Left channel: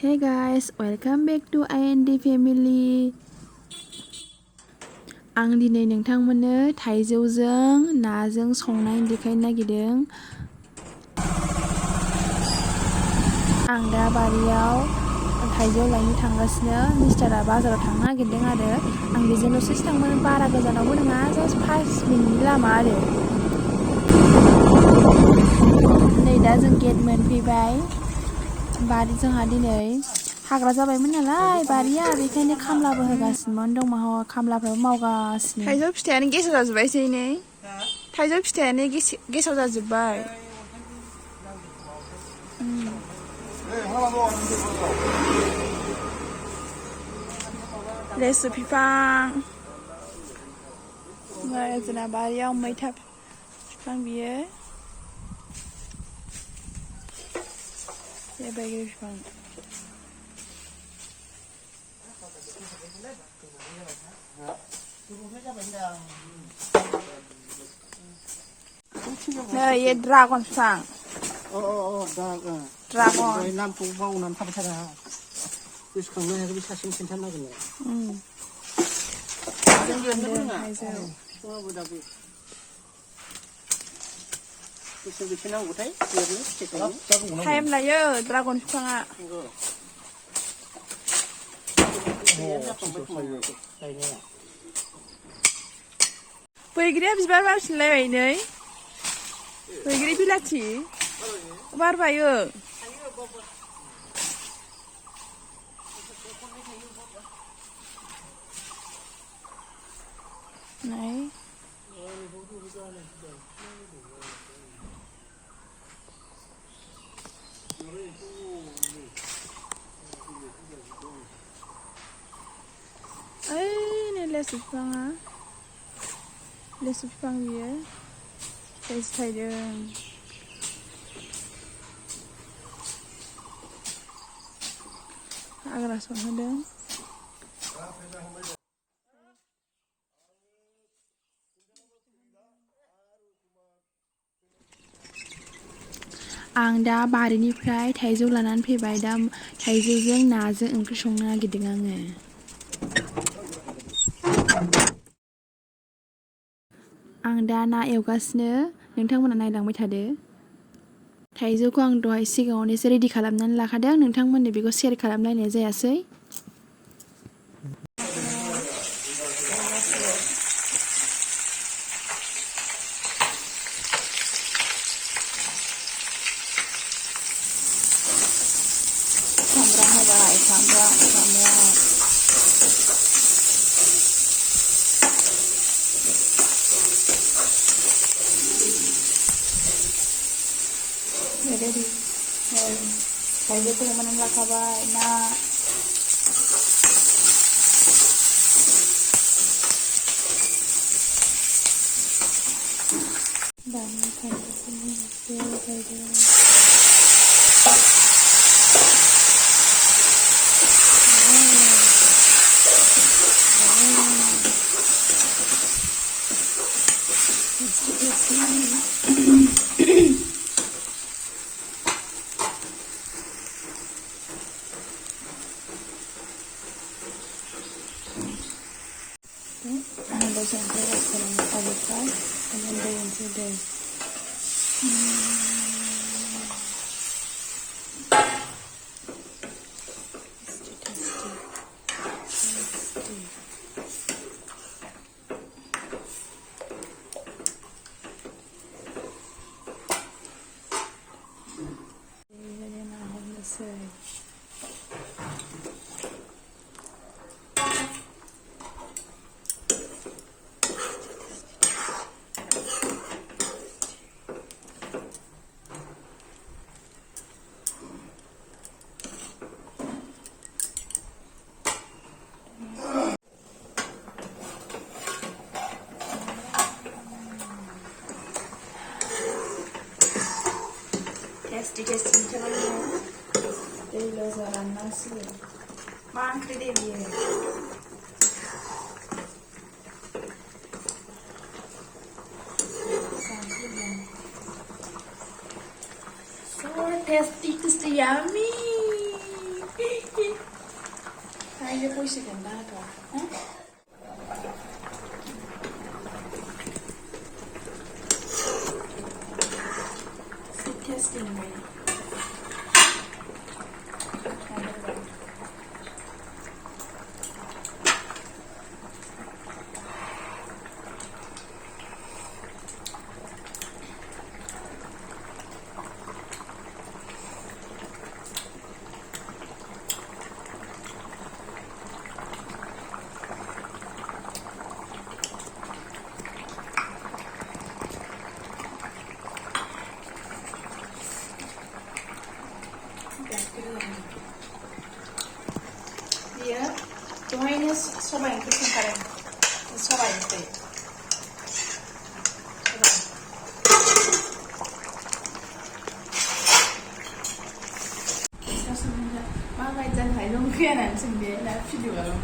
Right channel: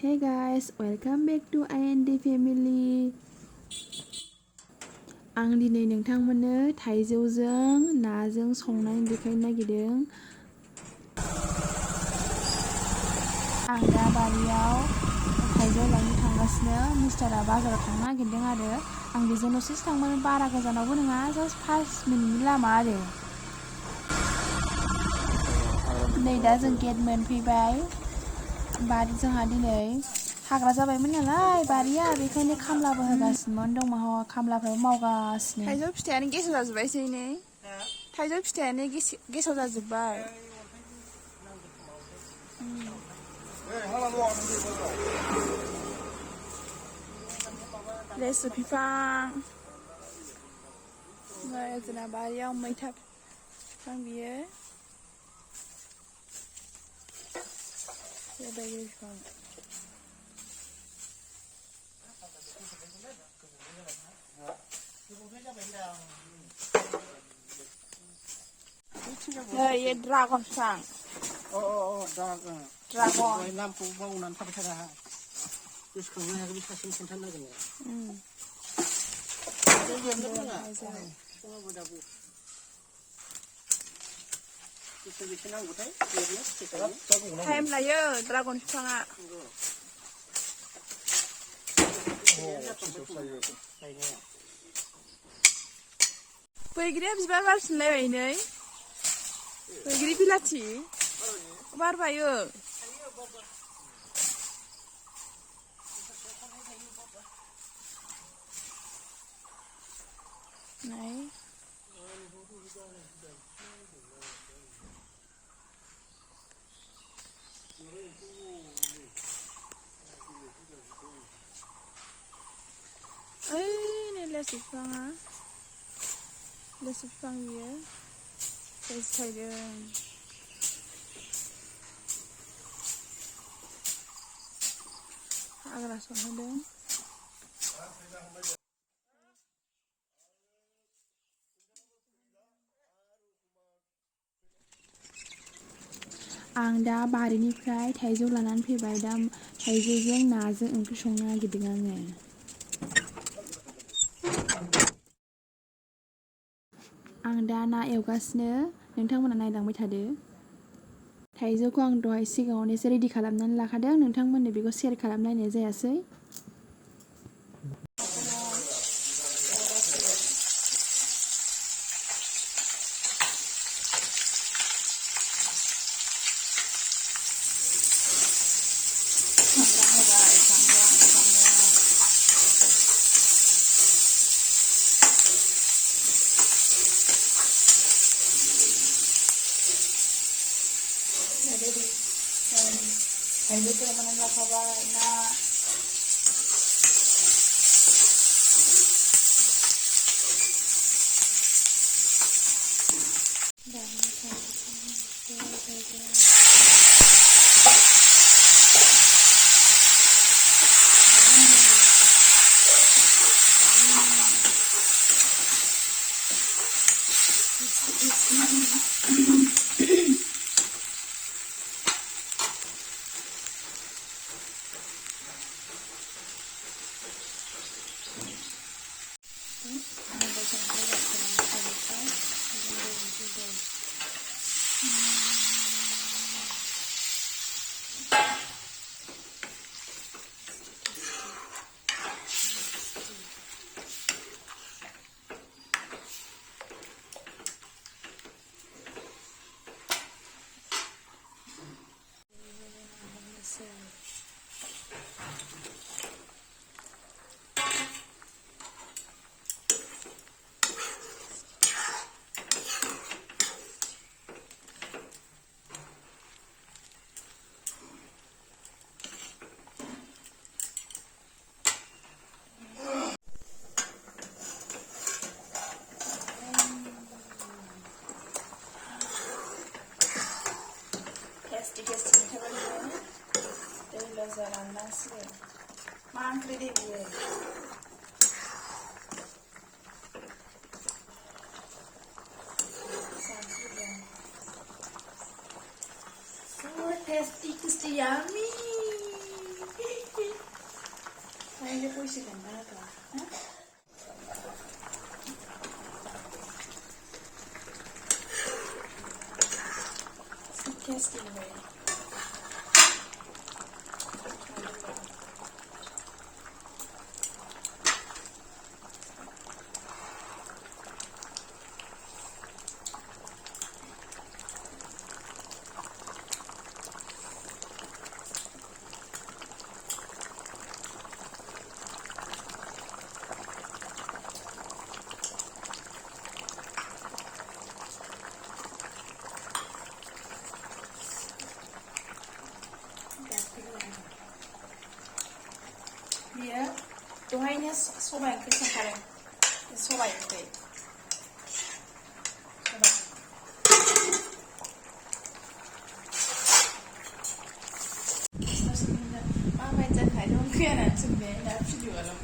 Hey guys, welcome back to IND family. आं दिनै नोंथांमोननो थाइजौजों नाजों संनाय देखायनो नागिरदों। आं दा बारियाव थाइजौ लायनो थांगासिनो। मिस्टारा बाजाराव थांनो नागिरदों आरो आं बेजों दसेसो थांगोन, बारा गोजानावबो नङा, जास्ट 5 मिनिटनि लामा आरो। नै दा जों गेट मोनफैबाय। जोंहा दिनै हाग्रा जाबायमोन नालाय बारिया, बेखायनो खामलाबो होगासिनोमोन, खामलाफ्राबो मावगासिनो। थाइजौ फिथाइयानो गेसाव जाजोब्बायसै नै। थाइजौ फिथाइयानो गेसाव जाजोब्बाय। लेसु बिफां, जोंना बारियाव मैथा बिफां बियो। बैग्रि बिफां। नै ये ड्रागन बिफां। ड्रागन नामखौ बावनानै थाबाय थादों आंहा। गोसोखांनो हायाखै, बे सासेनो खिन्थानो नागिरनाय। टाइम लायो ड्रागन बिफाङा। बैग्रिया बिबार बारफिनलायबाय नै। बैग्रि बिलाथि बारबायो। नै नै लेसु बिफाङा, लेसु बिफां बियो लेसु थाइदों। हाग्रा सनहोदों। आं दा बारिनिफ्राय थाइजौ लानानै फैबाय। दा थाइजौजों नाजों ओंख्रि संनो नागिरदों आङो। आं दा ना एवगासिनो, नोंथांमोना नायलांबाय थादो। थाइजौखौ आं दहाय सिगाङावनो एसे रेडि खालामनानै लाखादों, नोंथांमोननो बेखौ शेयार खालामलायनाय जायासै। सामब्राम होबाय, सामब्राम। रेडि। थाइजौखौ एवनानै लाखाबाय, ना दानिया थाइजौखौ टेस्टि दै गोजा राननांसिगोन। मा ओंख्रि दे बियो? So tasty, yummy. 보이시겠나 더? 응? 테스팅 왜? Dia tuhainya songbai itu sangkaran songbai itu Mang bây giờ phải đông kia là chừng đấy là chưa được rồi